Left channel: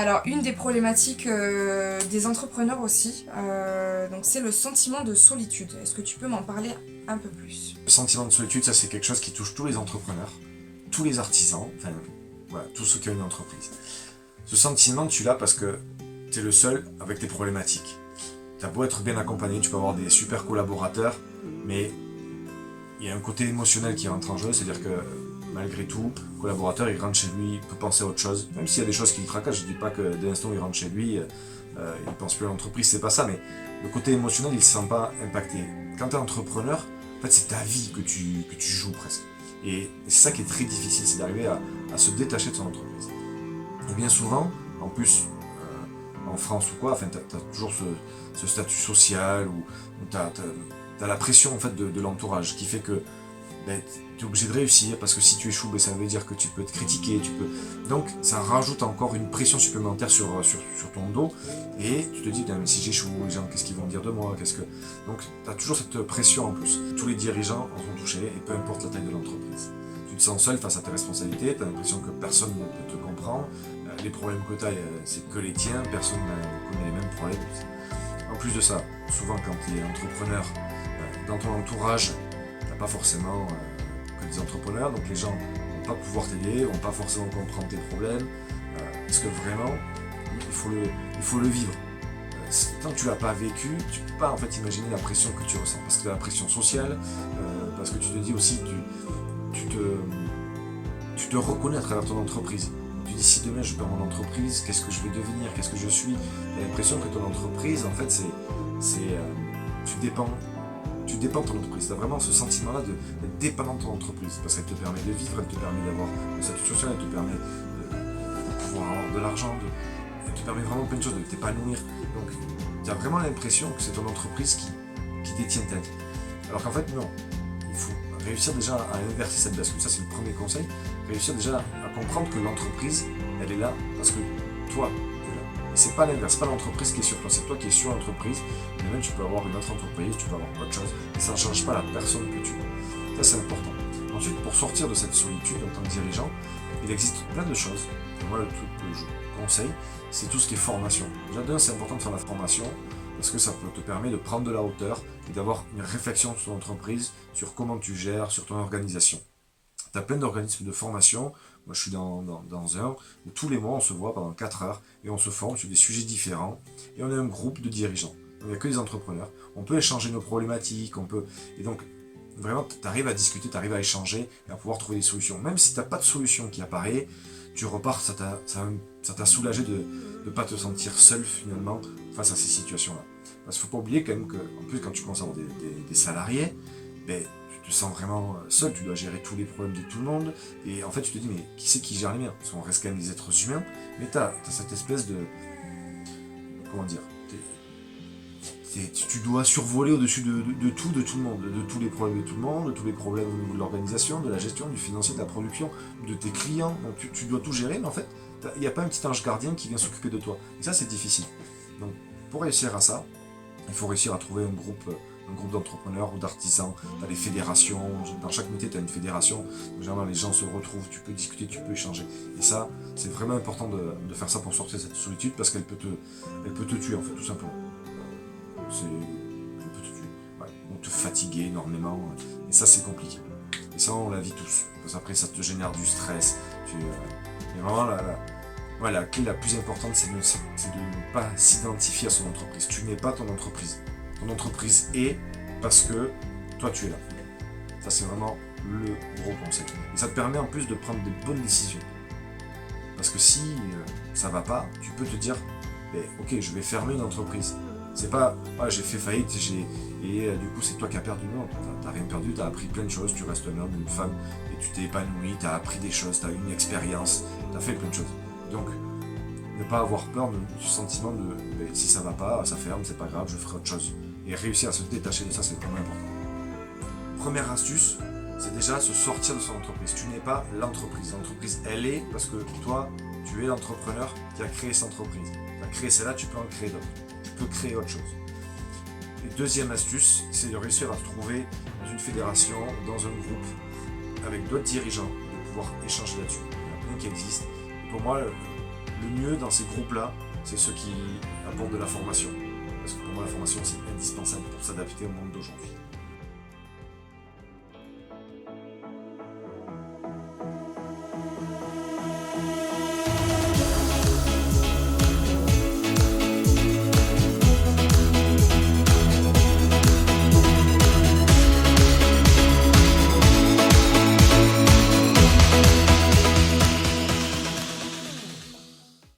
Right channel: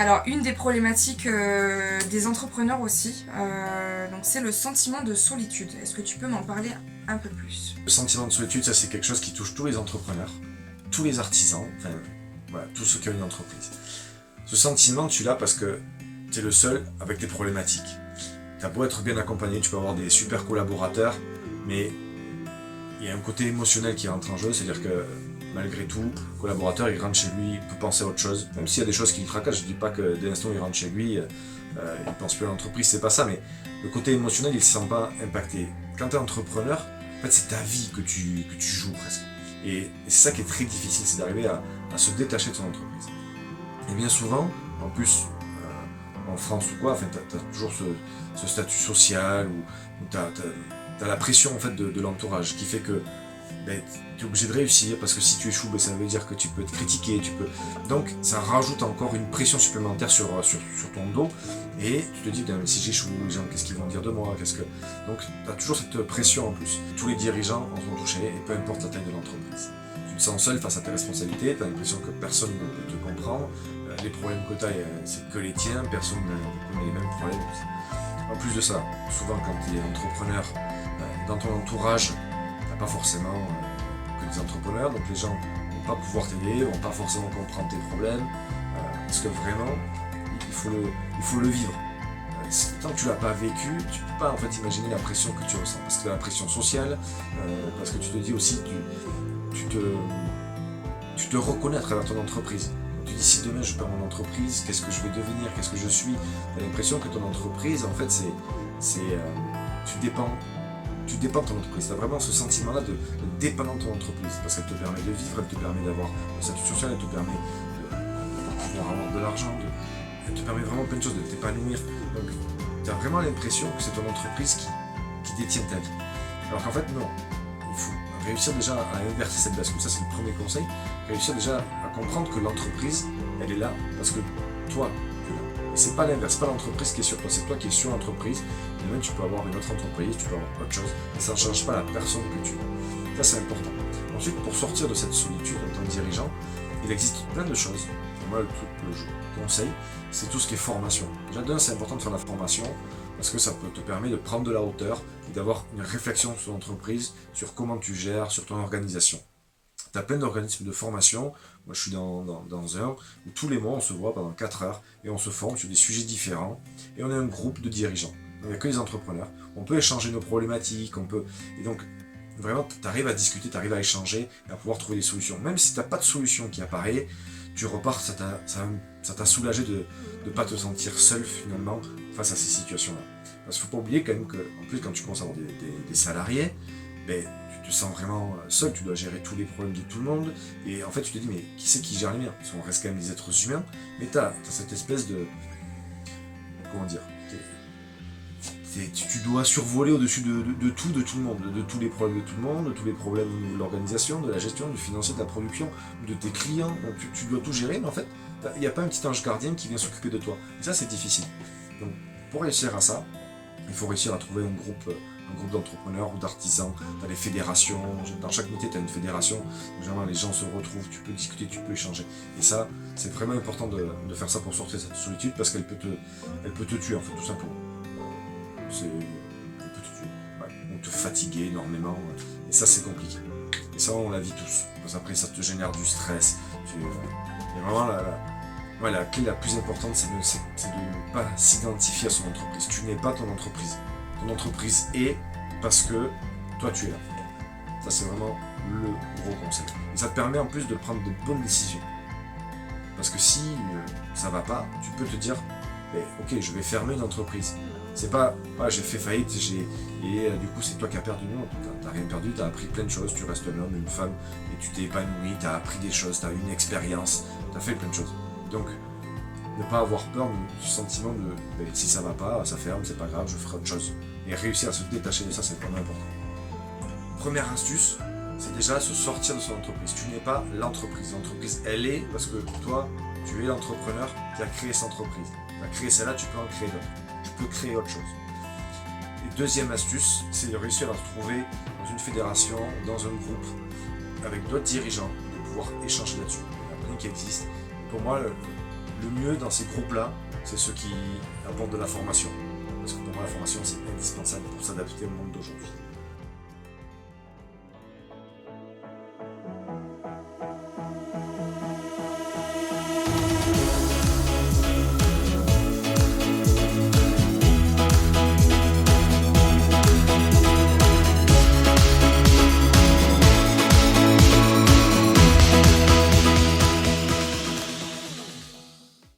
Alors, une des problématiques des entrepreneurs aussi, donc c'est le sentiment de solitude. Est-ce que tu peux m'en parler un peu plus? Le sentiment de solitude, ça c'est quelque chose qui touche tous les entrepreneurs, tous les artisans, enfin voilà, tous ceux qui ont une entreprise. Ce sentiment, tu l'as parce que tu es le seul avec tes problématiques. Tu as beau être bien accompagné, tu peux avoir des super collaborateurs, mais il y a un côté émotionnel qui rentre en jeu, c'est-à-dire que malgré tout, le collaborateur il rentre chez lui, il peut penser à autre chose, même s'il y a des choses qui le tracassent, je dis pas que dès l'instant où il rentre chez lui, il pense plus à l'entreprise, c'est pas ça, mais le côté émotionnel il se sent pas impacté. Quand tu es entrepreneur, en fait c'est ta vie que tu joues presque. Et c'est ça qui est très difficile, c'est d'arriver à se détacher de son entreprise. Et bien souvent, en plus, en France ou quoi, enfin, tu as toujours ce statut social où tu as la pression en fait, de l'entourage qui fait que ben, tu es obligé de réussir parce que si tu échoues, ben, ça veut dire que tu peux être critiqué. Donc ça rajoute encore une pression supplémentaire sur ton dos et tu te dis, mais si j'échoue, les gens, qu'est-ce qu'ils vont dire de moi Donc tu as toujours cette pression en plus. Tous les dirigeants en sont touchés et peu importe la taille de l'entreprise. Tu te sens seul face à tes responsabilités, tu as l'impression que personne ne peut te comprendre. Les problèmes que tu as, c'est que les tiens, personne ne connaît les mêmes problèmes. En plus de ça, souvent quand tu es entrepreneur, dans ton entourage, tu n'as pas forcément que des entrepreneurs, donc les gens ne vont pas pouvoir t'aider, ne vont pas forcément comprendre tes problèmes, parce que vraiment, il faut le vivre. Tant que tu l'as pas vécu, tu peux pas en fait imaginer la pression que tu ressens, parce que tu as la pression sociale, parce que tu te dis aussi que tu te reconnais à travers ton entreprise. Donc tu dis si demain je perds mon entreprise, qu'est-ce que je vais devenir, qu'est-ce que je suis. Tu as l'impression que ton entreprise, en fait, tu dépends de ton entreprise. Tu as vraiment ce sentiment-là d'être dépendant de ton entreprise, parce qu'elle te permet de vivre, elle te permet d'avoir une statut social, elle te permet de pouvoir avoir de l'argent, elle te permet vraiment plein de choses, de t'épanouir. Donc tu as vraiment l'impression que c'est ton entreprise qui détient ta vie. Alors qu'en fait, non. Il faut réussir déjà à inverser cette bascule, ça c'est le premier conseil, réussir déjà à comprendre que l'entreprise, elle est là parce que toi, tu es là. Et c'est pas l'inverse, c'est pas l'entreprise qui est sur toi, c'est toi qui es sur l'entreprise. Et même tu peux avoir une autre entreprise, tu peux avoir autre chose, et ça ne change pas la personne que tu es. Ça c'est important. Ensuite, pour sortir de cette solitude en tant que dirigeant, il existe plein de choses. Et moi, le truc que je conseille, c'est tout ce qui est formation. Déjà, d'un, c'est important de faire la formation, parce que ça te permet de prendre de la hauteur et d'avoir une réflexion sur ton entreprise, sur comment tu gères, sur ton organisation. Tu as plein d'organismes de formation, moi je suis dans un où tous les mois on se voit pendant 4 heures et on se forme sur des sujets différents et on est un groupe de dirigeants. Il n'y a que des entrepreneurs, on peut échanger nos problématiques, et donc vraiment tu arrives à discuter, tu arrives à échanger et à pouvoir trouver des solutions. Même si tu n'as pas de solution qui apparaît, tu repars, ça t'a soulagé de ne pas te sentir seul finalement face à ces situations-là. Parce qu'il ne faut pas oublier quand même qu'en plus quand tu commences à avoir des salariés, ben, tu te sens vraiment seul, tu dois gérer tous les problèmes de tout le monde, et en fait tu te dis mais qui c'est qui gère les miens? Parce qu'on reste quand même des êtres humains, mais tu as cette espèce de... Comment dire? Tu dois survoler au-dessus de tout, de tout le monde, de tous les problèmes de tout le monde, de tous les problèmes au niveau de l'organisation, de la gestion, du financier, de la production, de tes clients. Donc tu dois tout gérer, mais en fait, il n'y a pas un petit ange gardien qui vient s'occuper de toi. Et ça, c'est difficile. Donc, pour réussir à ça, il faut réussir à trouver un groupe d'entrepreneurs ou d'artisans. Tu as des fédérations, dans chaque métier, tu as une fédération. Généralement, les gens se retrouvent, tu peux discuter, tu peux échanger. Et ça, c'est vraiment important de faire ça pour sortir de cette solitude, parce qu'elle peut te tuer, en fait, tout simplement. Elle peut te tuer. Ouais. Ou te fatiguer énormément. Et ça, c'est compliqué. Et ça, on la vit tous. Parce qu'après, ça te génère du stress. Et vraiment, la clé la plus importante, c'est de ne pas s'identifier à son entreprise. Tu n'es pas ton entreprise. Ton entreprise est parce que toi, tu es là. Ça, c'est vraiment le gros conseil. Et ça te permet en plus de prendre des bonnes décisions. Parce que si ça va pas, tu peux te dire, ok, je vais fermer une entreprise. C'est pas, j'ai fait faillite et du coup c'est toi qui as perdu. Non, t'as rien perdu, t'as appris plein de choses, tu restes un homme, une femme, et tu t'es épanoui, t'as appris des choses, t'as eu une expérience, t'as fait plein de choses. Donc, ne pas avoir peur du sentiment de si ça va pas, ça ferme, c'est pas grave, je ferai autre chose. Et réussir à se détacher de ça, c'est vraiment important. Première astuce, c'est déjà se sortir de son entreprise. Tu n'es pas l'entreprise. L'entreprise, elle est parce que toi, tu es l'entrepreneur qui a créé cette entreprise. Tu as créé celle-là, tu peux en créer d'autres. Tu peux créer autre chose. Et deuxième astuce, c'est de réussir à se trouver dans une fédération, dans un groupe, avec d'autres dirigeants, de pouvoir échanger là-dessus. Il y en a plein qui existent. Et pour moi, le mieux dans ces groupes-là, c'est ceux qui apportent de la formation. Parce que pour moi, la formation, c'est indispensable pour s'adapter au monde d'aujourd'hui.